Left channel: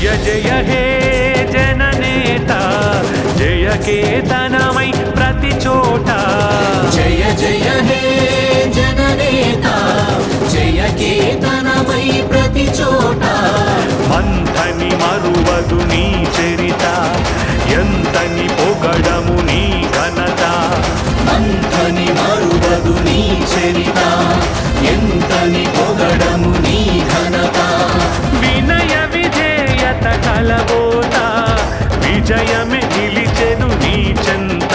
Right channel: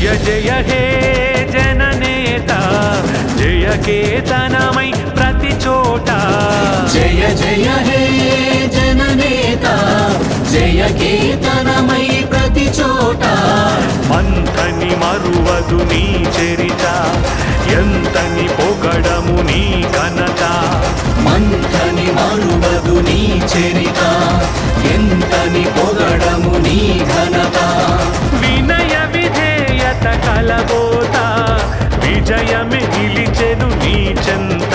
జయ జయ హే జననేత జయ కేతనమై ప్రతి చోట జయ జయ హే జననేత జయ కేతనమై ప్రతి చోట మంథని మరువదు నీ చరిత ఎంతని పొగడము నీ ఘనత మంథని మరువదు నీ చరిత ఎంతని పొగడము నీ ఘనత వినయ విధేయత కలబోత విజయమే నిలిచెను నీ చెంత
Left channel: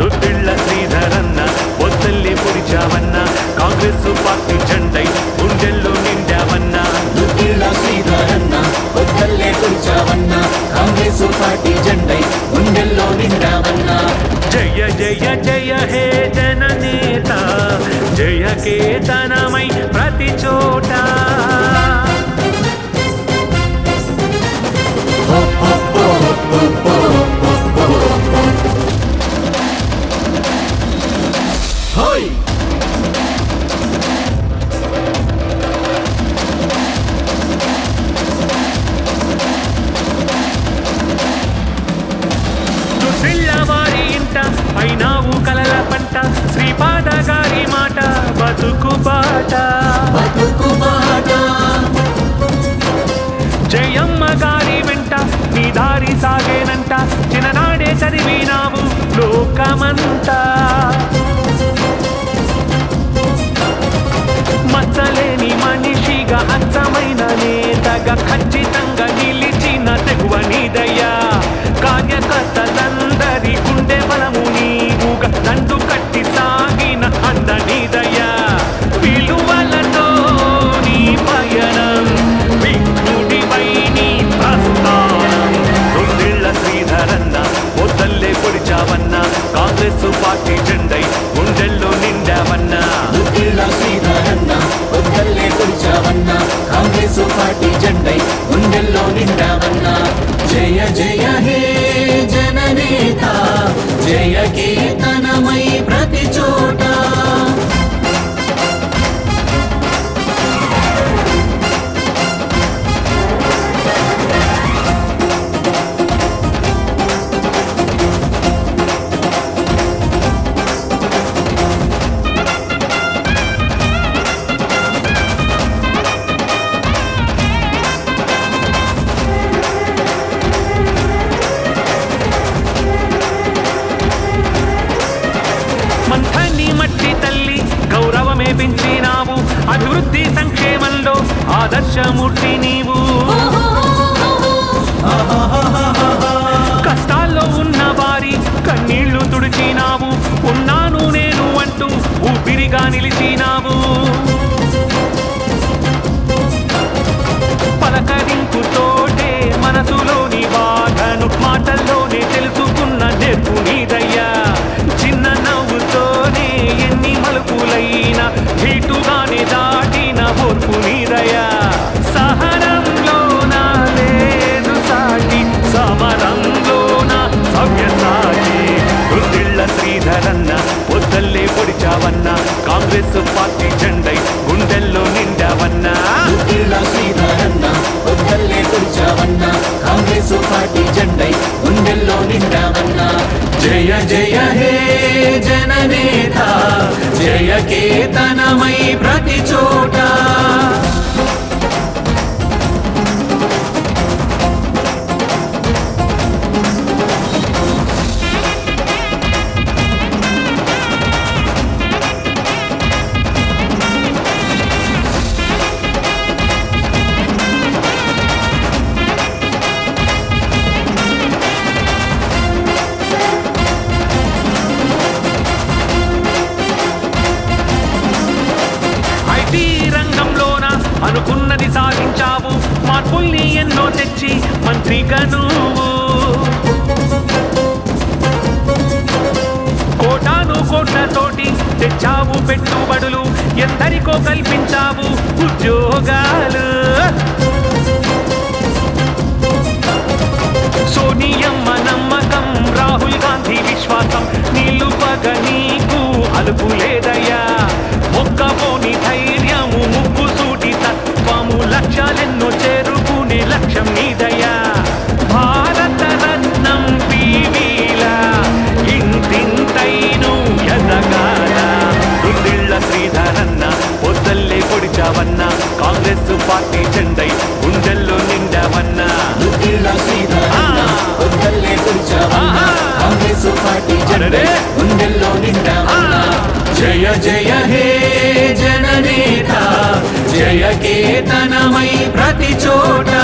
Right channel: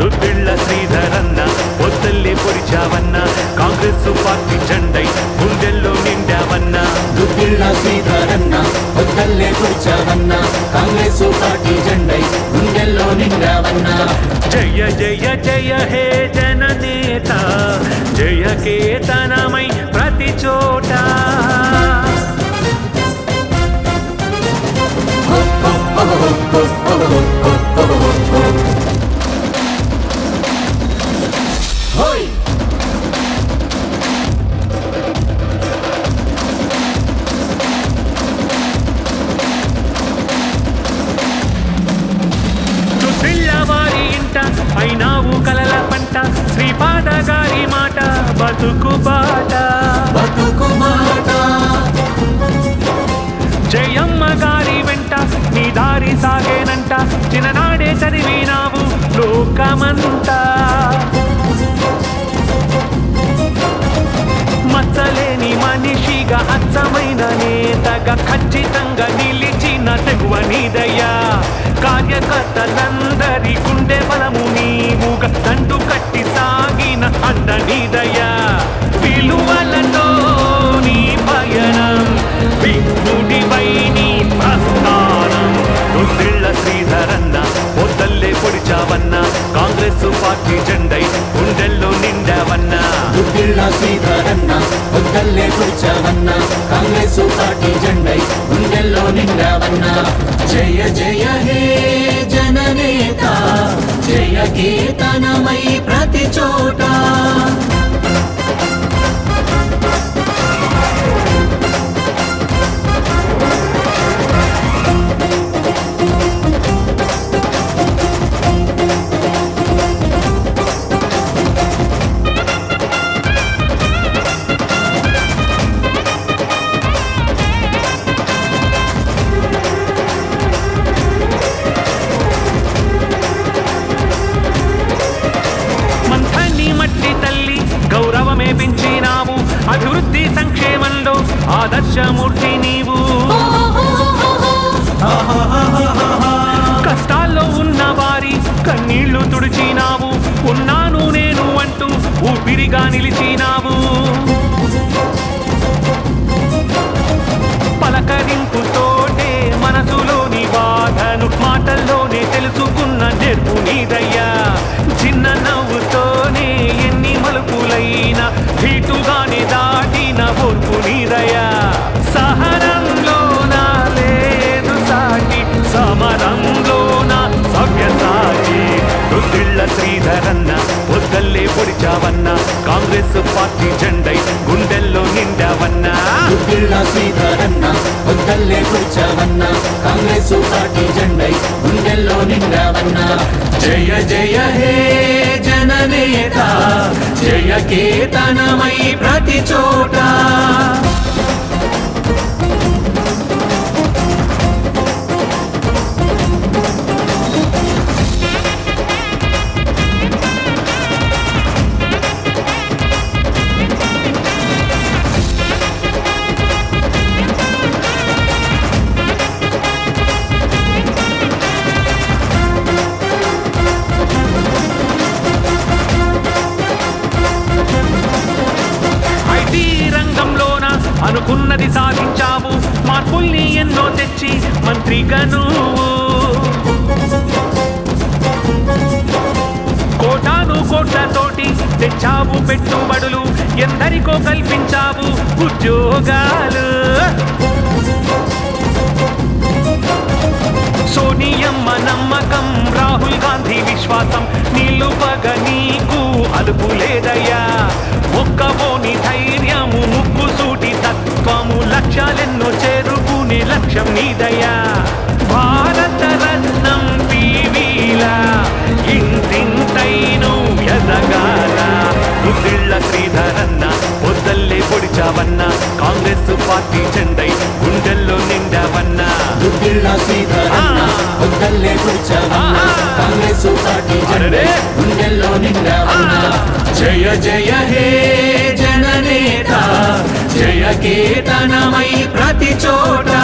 దుద్దిళ్ళ శ్రీధరన్న పొద్దల్లే పొడిచావన్న కాంగ్రెస్ పార్టీ జెండై గుండెల్లో నిండావన్న దుద్దిళ్ళ శ్రీధరన్న పొద్దల్లే పొడిచావన్న కాంగ్రెస్ పార్టీ జెండై గుండెల్లో నిండావన్న జయ జయ జయ హే జననేత జయ కేతనమై ప్రతి చోట వారి ఇంట అయినావు కలల పంట శ్రీపాద గారి మాట బతుకు బాట జయమ్మ గారి వెంట నీ దారి సాగేనంట చిన్ననాడే చదివినావు లోకమంతా మచ్చలేని మనిషిగా అచ్చమైన నేతగా ఖచ్చితంగా నిలిచిన తెగువ నీదయ్యా కార్యకర్తలందరి గుండె బలము నీవుగా దండు కట్టి సాగిన అండ నీదయ్యా విలువలతో నీ పయనం విఘ్నుడివై నీ ప్రస్థానం దుద్దిళ్ళ శ్రీధరన్న పొద్దల్లే పొడిచావన్న కాంగ్రెస్ పార్టీ జెండై గుండెల్లో నిండావన్న దుద్దిళ్ళ శ్రీధరన్న పొద్దల్లే పొడిచావన్న కాంగ్రెస్ పార్టీ జెండై గుండెల్లో నిండావన్న జయ జయ హే జననేత జయ కేతనమై ప్రతి చోట మంథని మట్టి తల్లి గౌరవమే పెంచినావు అభివృద్ధి సంక్షేమంలో ఆదర్శమూర్తి నీవు కష్టాల్లో ఉన్న వారి కన్నీళ్లు తుడిచినావు ఉన్నాను నేను అంటూ ఊపిరిగా నిలిచినావు పలకరింపుతోటే మనసులోని బాధను మాటల్లోనే తెలుసుకున్న నేర్పు నీదయ్యా చిన్న నవ్వుతోనే ఎన్ని మలుపులైనా ధీటుగానే దాటిన ఓర్పు నీదయ్యా సహనంలోన లేదు సాటి సమరంలోన సవ్యసాచి దుద్దిళ్ళ శ్రీధరన్న పొద్దల్లే పొడిచావన్న కాంగ్రెస్ పార్టీ జెండై గుండెల్లో నిండావన్న దుద్దిళ్ళ శ్రీధరన్న పొద్దల్లే పొడిచావన్న కాంగ్రెస్ పార్టీ జెండై గుండెల్లో నిండావన్న జయ జయ హే జననేత జయ కేతనమై ప్రతి చోట ఐటీ రంగంలోన అనుకున్నది సాధించావు మార్పుల్ని ఎన్నో తెచ్చి మంత్రిగా నువ్వు కోటాను కోట్లతోటి తెచ్చావు పెట్టుబడులు ఎందరికో కల్పించావు ఉద్యోగాలు సోనియమ్మ నమ్మకం రాహుల్ గాంధీ విశ్వాసం నిలుపగ నీకు అలుపు లేదయ్యా మొక్కవోని ధైర్యము ముక్కు సూటి తత్వము లక్ష్యాలెన్నో చేరుకునే లక్ష్యం నీదయ్యా భారత రత్నం పీవీలా ఇంతింతైను ఎదగాల రుద్దిళ్ళ శ్రీధరన్న పొద్దల్లే పొడిచావన్నా కాంగ్రెస్ పార్టీ జెండై గుండెల్లో నిండావన్నా దుద్దిళ్ళ శ్రీధరన్న పొద్దల్లే కూర్చావన్నా కాంగ్రెస్ పార్టీ జెండై గుండెల్లో నిండావన్నా జయ జయ హే జననేత జయ కేతనమై ప్రతి చోట